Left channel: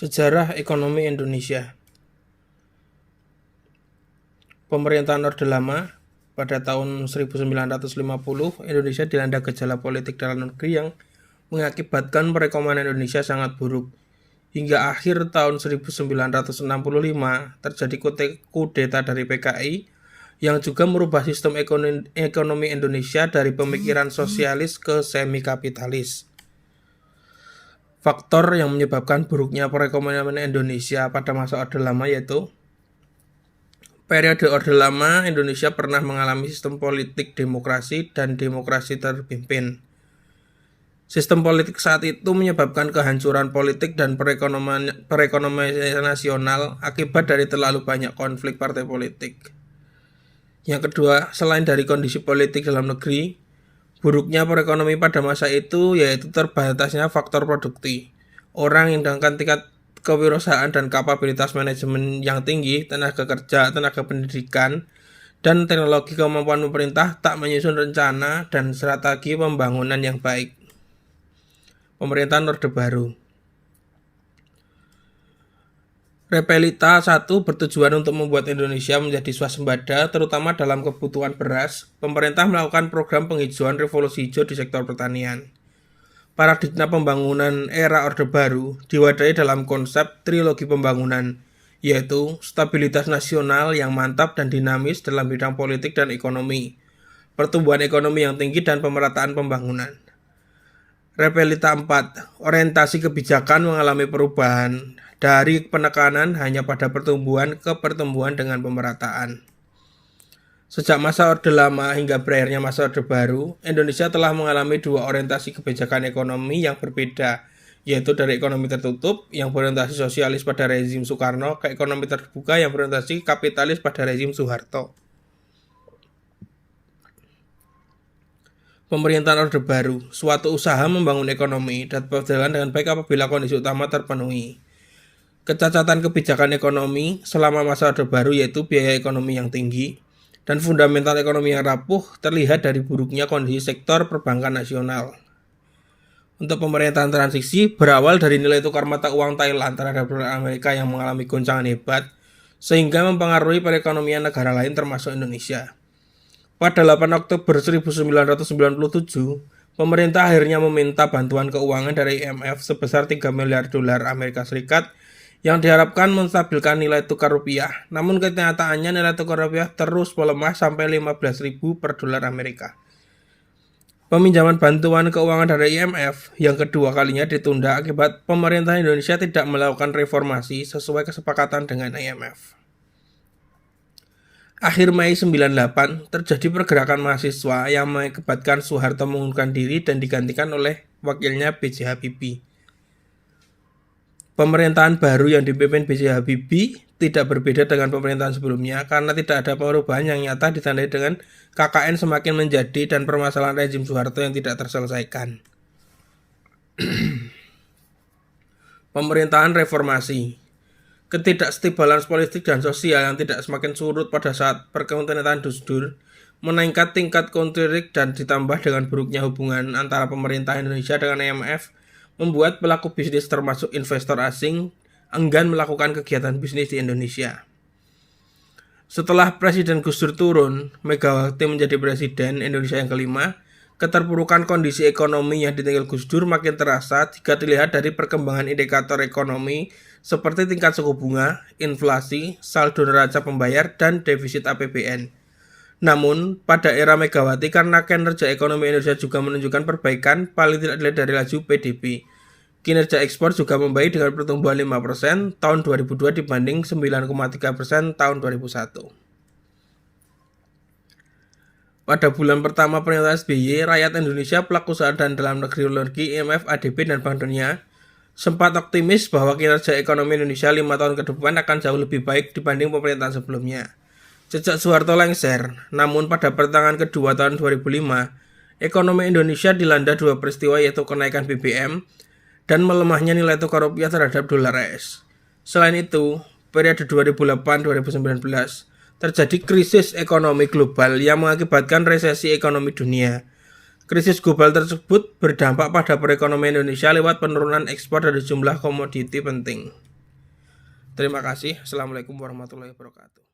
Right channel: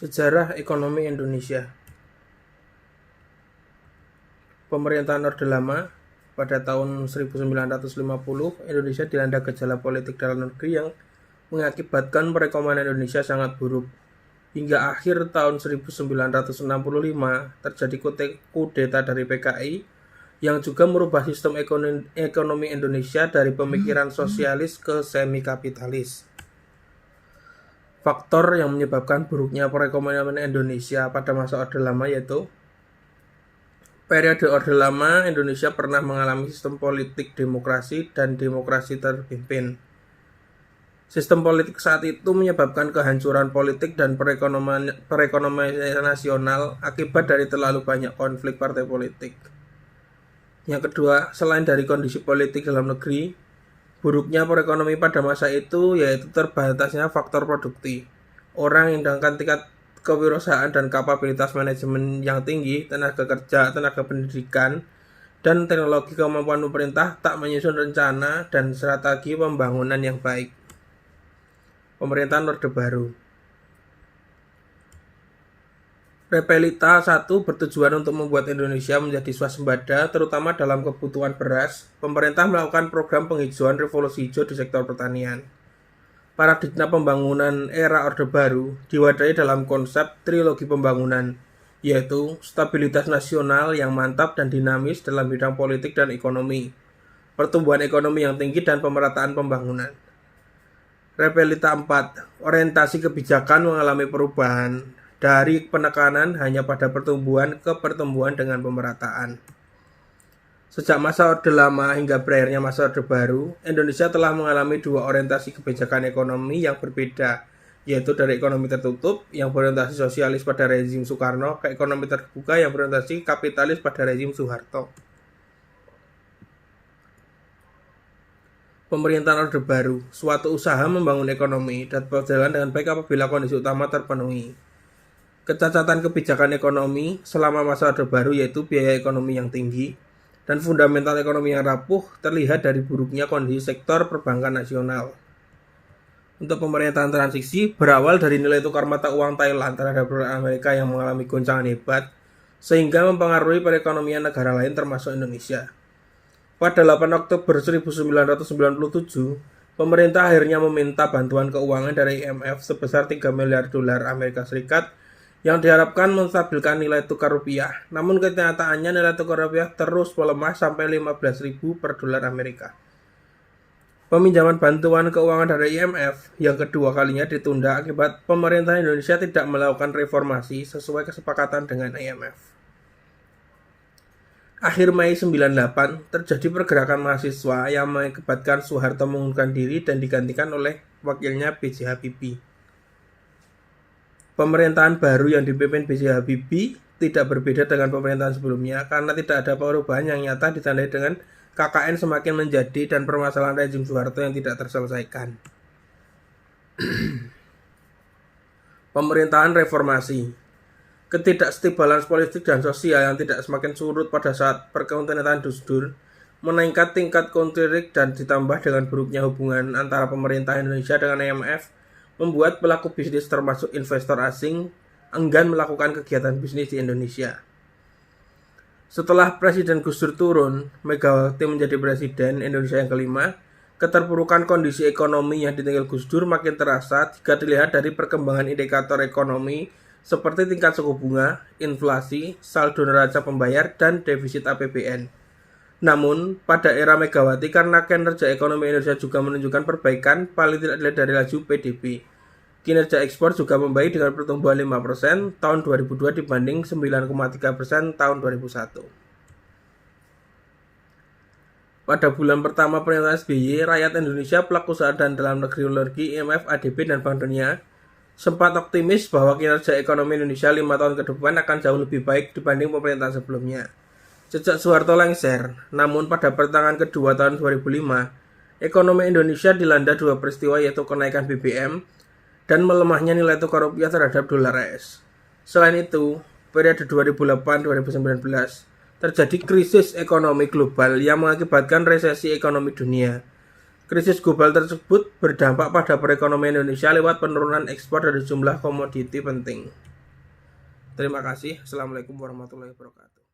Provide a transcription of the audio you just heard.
Sejarah ekonomi Indonesia. Pemerintahan Orde Lama pada tahun 1950, Indonesia dilanda gejala politik dalam negeri yang mengakibatkan perekonomian Indonesia sangat buruk. Hingga akhir tahun 1965 terjadi kudeta dari PKI yang juga merubah sistem ekonomi Indonesia dari pemikiran sosialis ke semi kapitalis. Faktor yang menyebabkan buruknya perekonomian Indonesia pada masa Orde Lama yaitu periode Orde Lama, Indonesia pernah mengalami sistem politik demokrasi dan demokrasi terpimpin. Sistem politik saat itu menyebabkan kehancuran politik dan perekonomian nasional akibat dari terlalu banyak konflik partai politik. Yang kedua, selain dari kondisi politik dalam negeri, buruknya perekonomian pada masa itu yaitu terbatasnya faktor produktif. Orang yang dengan tingkat kewirausahaan dan kapabilitas manajemen yang tinggi, tenaga kerja, tenaga pendidikan, dan teknologi kemampuan pemerintah tak menyusun rencana dan strategi pembangunan yang baik. Pemerintahan Orde Baru. Repelita 1 bertujuan untuk membuat Indonesia menjadi swasembada, terutama dalam kebutuhan beras. Pemerintah melakukan program penghijauan revolusi hijau di sektor pertanian. Paradigma pembangunan era Orde Baru diwadahi dalam konsep trilogi pembangunan, yaitu stabilitas nasional yang mantap dan dinamis dalam bidang politik dan ekonomi, pertumbuhan ekonomi yang tinggi dan pemerataan pembangunan. Repelita 4, orientasi kebijakan mengalami perubahan dari penekanan hanya pada pertumbuhan ke pertumbuhan dengan pemerataan. Sejak masa Orde Lama hingga berakhirnya masa Orde Baru, Indonesia telah mengalami dua orientasi kebijakan ekonomi yang berbeda, yaitu dari ekonomi tertutup yang berorientasi sosialis pada rezim Soekarno ke ekonomi terbuka yang berorientasi kapitalis pada rezim Soeharto. Pemerintahan Orde Baru, suatu usaha membangun ekonomi dan berjalan dengan baik apabila kondisi utama terpenuhi. Kecacatan kebijakan ekonomi selama masa Orde Baru yaitu biaya ekonomi yang tinggi dan fundamental ekonomi yang rapuh terlihat dari buruknya kondisi sektor perbankan nasional. Untuk pemerintahan transisi berawal dari nilai tukar mata uang Thailand terhadap dolar Amerika yang mengalami goncangan hebat sehingga mempengaruhi perekonomian negara lain termasuk Indonesia. Pada 8 Oktober 1997, pemerintah akhirnya meminta bantuan keuangan dari IMF sebesar 3 miliar dolar Amerika Serikat yang diharapkan menstabilkan nilai tukar rupiah. Namun kenyataannya nilai tukar rupiah terus melemah sampai 15.000 per dolar Amerika. Peminjaman bantuan keuangan dari IMF yang kedua kalinya ditunda akibat pemerintah Indonesia tidak melakukan reformasi sesuai kesepakatan dengan IMF. Akhir Mei 98 terjadi pergerakan mahasiswa yang mengakibatkan Soeharto mengundurkan diri dan digantikan oleh wakilnya B.J. Habibie. Pemerintahan baru yang dipimpin B.J. Habibie tidak berbeda dengan pemerintahan sebelumnya karena tidak ada perubahan yang nyata ditandai dengan KKN semakin menjadi dan permasalahan rezim Soeharto yang tidak terselesaikan. Pemerintahan reformasi. Ketidakstabilan politik dan sosial yang tidak semakin surut pada saat perkontinentan Gus Dur meningkat tingkat konflik dan ditambah dengan buruknya hubungan antara pemerintah Indonesia dengan IMF membuat pelaku bisnis termasuk investor asing enggan melakukan kegiatan bisnis di Indonesia. Setelah Presiden Gus Dur turun, Megawati menjadi Presiden Indonesia yang kelima, keterpurukan kondisi ekonomi yang ditinggal Gus Dur makin terasa jika dilihat dari perkembangan indikator ekonomi seperti tingkat suku bunga, inflasi, saldo neraca pembayar, dan defisit APBN. Namun, pada era Megawati karena kinerja ekonomi Indonesia juga menunjukkan perbaikan paling tidak dilihat dari laju PDB. Kinerja ekspor juga membaik dengan pertumbuhan 5% tahun 2002 dibanding 9,3% tahun 2001. Pada bulan pertama pemerintahan SBY, rakyat Indonesia, pelaku usaha dan dalam negeri, IMF, ADB, dan Bank Dunia sempat optimis bahwa kinerja ekonomi Indonesia 5 tahun ke depan akan jauh lebih baik dibanding pemerintahan sebelumnya. Sejak Soeharto lengser, namun pada pertengahan kedua tahun 2005, ekonomi Indonesia dilanda dua peristiwa yaitu kenaikan BBM dan melemahnya nilai tukar rupiah terhadap dolar AS. Selain itu, periode 2008-2019 terjadi krisis ekonomi global yang mengakibatkan resesi ekonomi dunia. Krisis global tersebut berdampak pada perekonomian Indonesia lewat penurunan ekspor dari jumlah komoditi penting. Terima kasih. Assalamualaikum warahmatullahi wabarakatuh.